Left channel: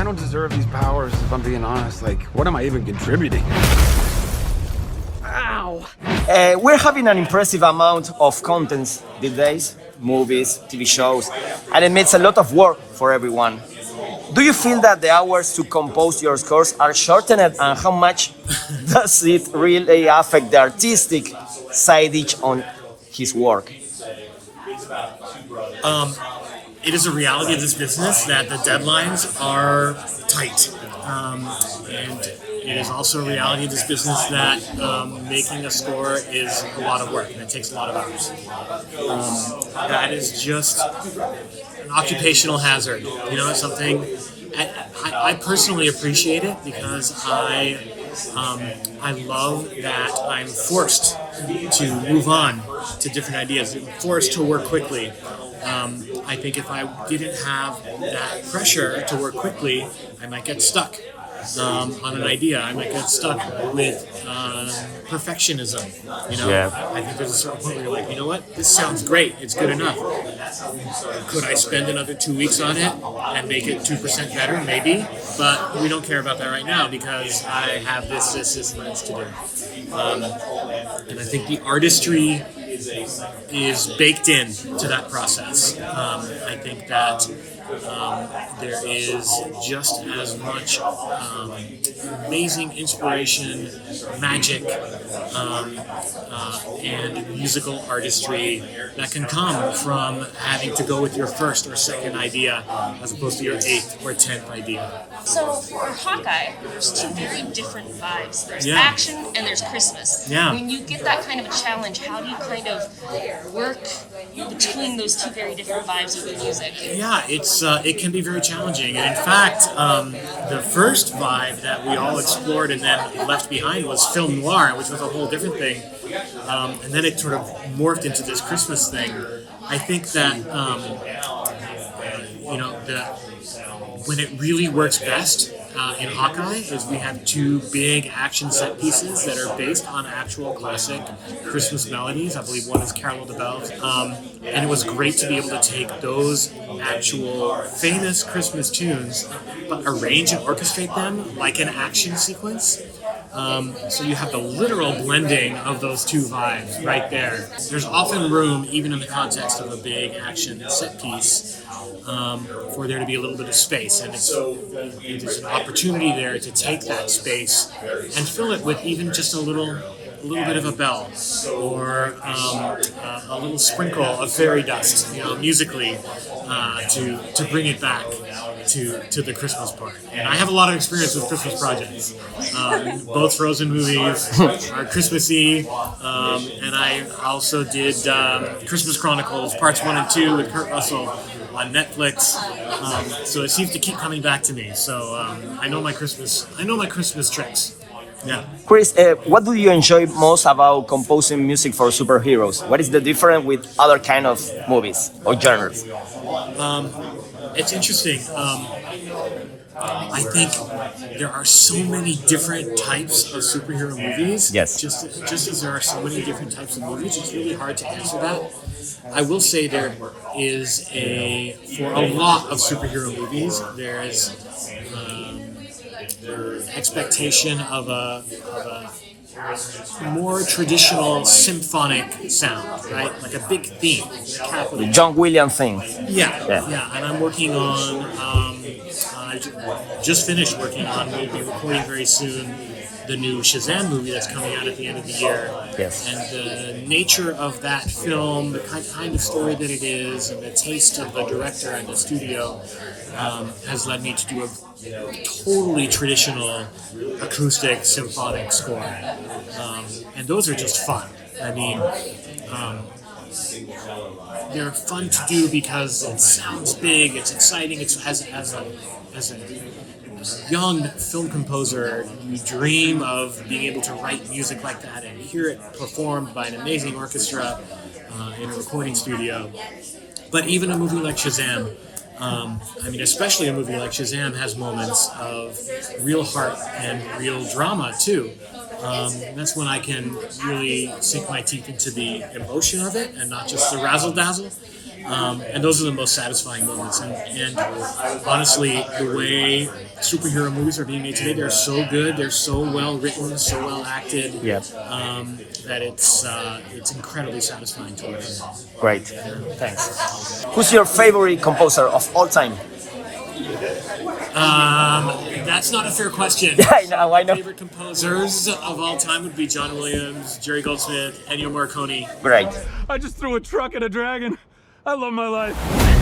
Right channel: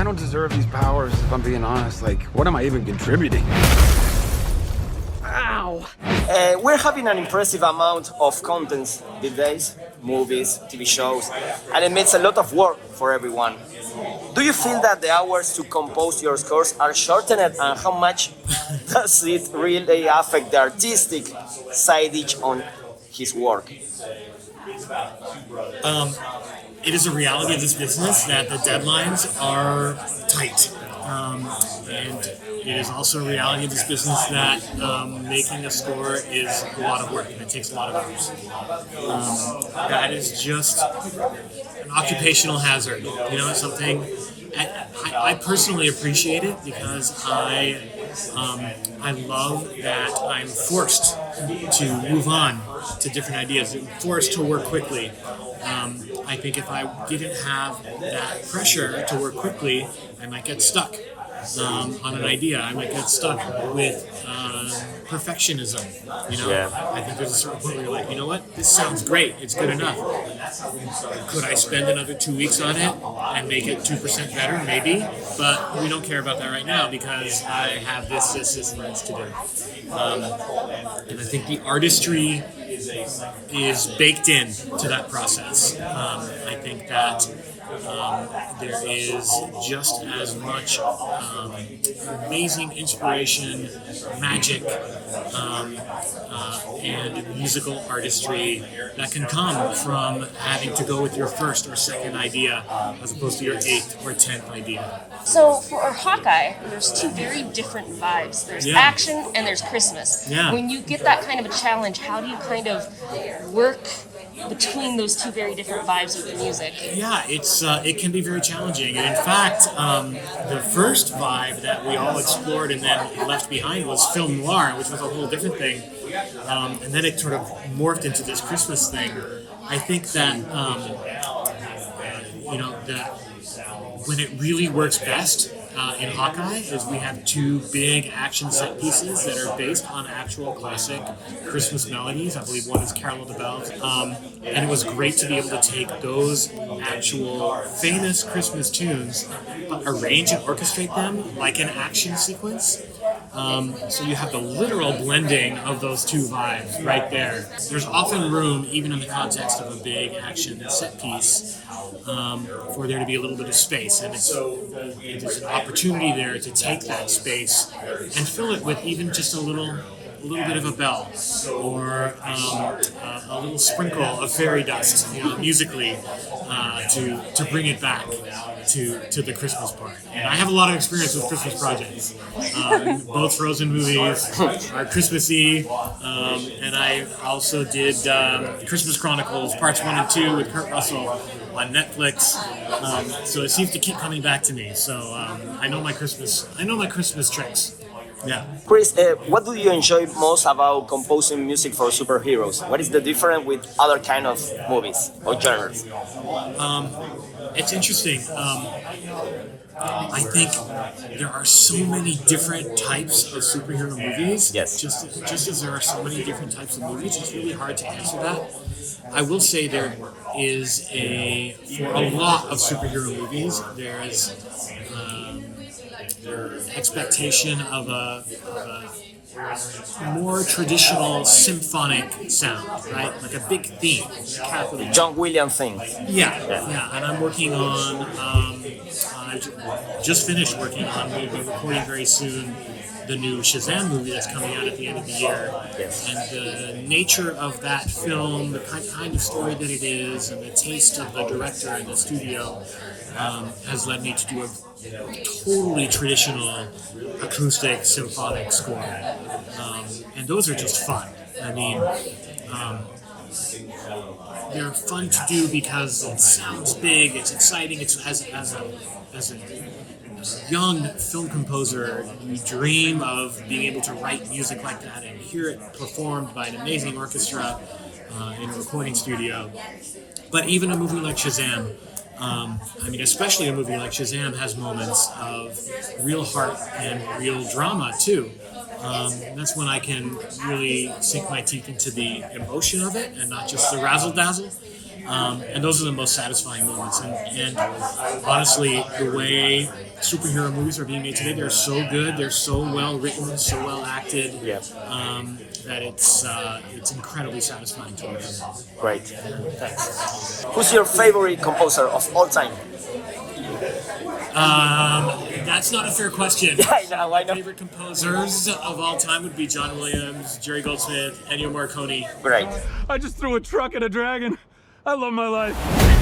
I don't deserve these powers, if I'm being honest. Like, what am I even contributing? Ow! We're having an impressive amount of contents these days, movies, TV shows, and it makes a lot of work for everyone. Do you feel that the hours to compose your scores are shortened, and how much does it really affect the artistic side on his work? It is a reality of this business that the deadlines are tight. And it is also a reality of this business that making a score is a lot of work and it takes a lot of hours. That is just an occupational hazard. You know, it's something I personally appreciate it because I love that I'm forced to move on to different ideas. I'm forced to work quickly. I think if I didn't have that pressure to work quickly, I might get stuck on an idea. I might get stuck with perfectionism. You know, I think there's a certain point where you're like, you know what, this sounds great. It's good enough. Could I spend another 2 weeks on it and make it 2% better? Maybe, but we don't care about that right now because I have this things to do. And I think the artistry is baked in to that process. I think that there is just as much amazing inspiration, magic, and musical artistry that can come from having to go with your first or second idea as opposed to your 8th or 10th idea. So for Hawkeye, there's two very different vibes. There's action and there's Christmas. Yeah. When you get that kind of a challenge, how do you kind of work between those two very different vibes of the music? Yeah, it can be very challenging. And in fact, the first vibe that we all explored and then left behind was film noir, which was a whole different thing. And then it sort of morphed into this Christmas thing. I think that, when it really works best in Hawkeye is we have two big action set pieces that are based on actual classic Christmas melodies. I believe one is Carol of the Bells. And it was great to be able to take those actual famous Christmas tunes but arrange and orchestrate them like an action sequence. So you have the literal blending of those two vibes right there. There's often room, even in the context of a big action set piece, for there to be a little bit of space, and it's an opportunity there to take that space and fill it with even just a little bit of a bell or a little sprinkle of fairy dust, musically, to bring it back to the Christmas part. And I have a lot of experience with Christmas projects. Both Frozen movies are Christmassy, and I also did Christmas Chronicles Parts 1 and 2 with Kurt Russell on Netflix. So it seems to keep coming back to me. So I know my Christmas tricks. Yeah. Chris, what do you enjoy most about composing music for superheroes? What is the difference with other kind of movies or genres? It's interesting. I think there are so many different types of superhero movies. Yes. Just as there are so many different types of movies, it's really hard to answer that. I will say there is for a lot of superhero movies, there is expectation of a more traditional symphonic sound, right? Like a big theme, capital. John Williams thing. Yeah. And I'm working on. I just finished working on. We'll be recording very soon the new Shazam movie that's coming out at the end of the year. Yes. And the nature of that film, the kind of story that it is, and the taste of the director and the studio has led me to do a totally traditional acoustic symphonic score. And those are just fun. I mean, they're fun to do because it sounds big, it's exciting. It's as a young film composer, you dream of being able to write music like that and hear it performed by an amazing orchestra in a recording studio. But even a movie like Shazam, especially a movie like Shazam has moments of real heart and real drama too. That's when I can really sink my teeth into the emotion of it and not just the razzle-dazzle. And those are the most satisfying moments. And honestly, the way superhero movies are being made today, they're so good, they're so well written, so well acted, that it's incredibly satisfying to work on. Great. Thanks. Who's your favorite composer of all time? That's not a fair question. I know. My favorite composers of all time would be John Williams, Jerry Goldsmith, Ennio Morricone. Great. I just threw a truck at a dragon. I love my life.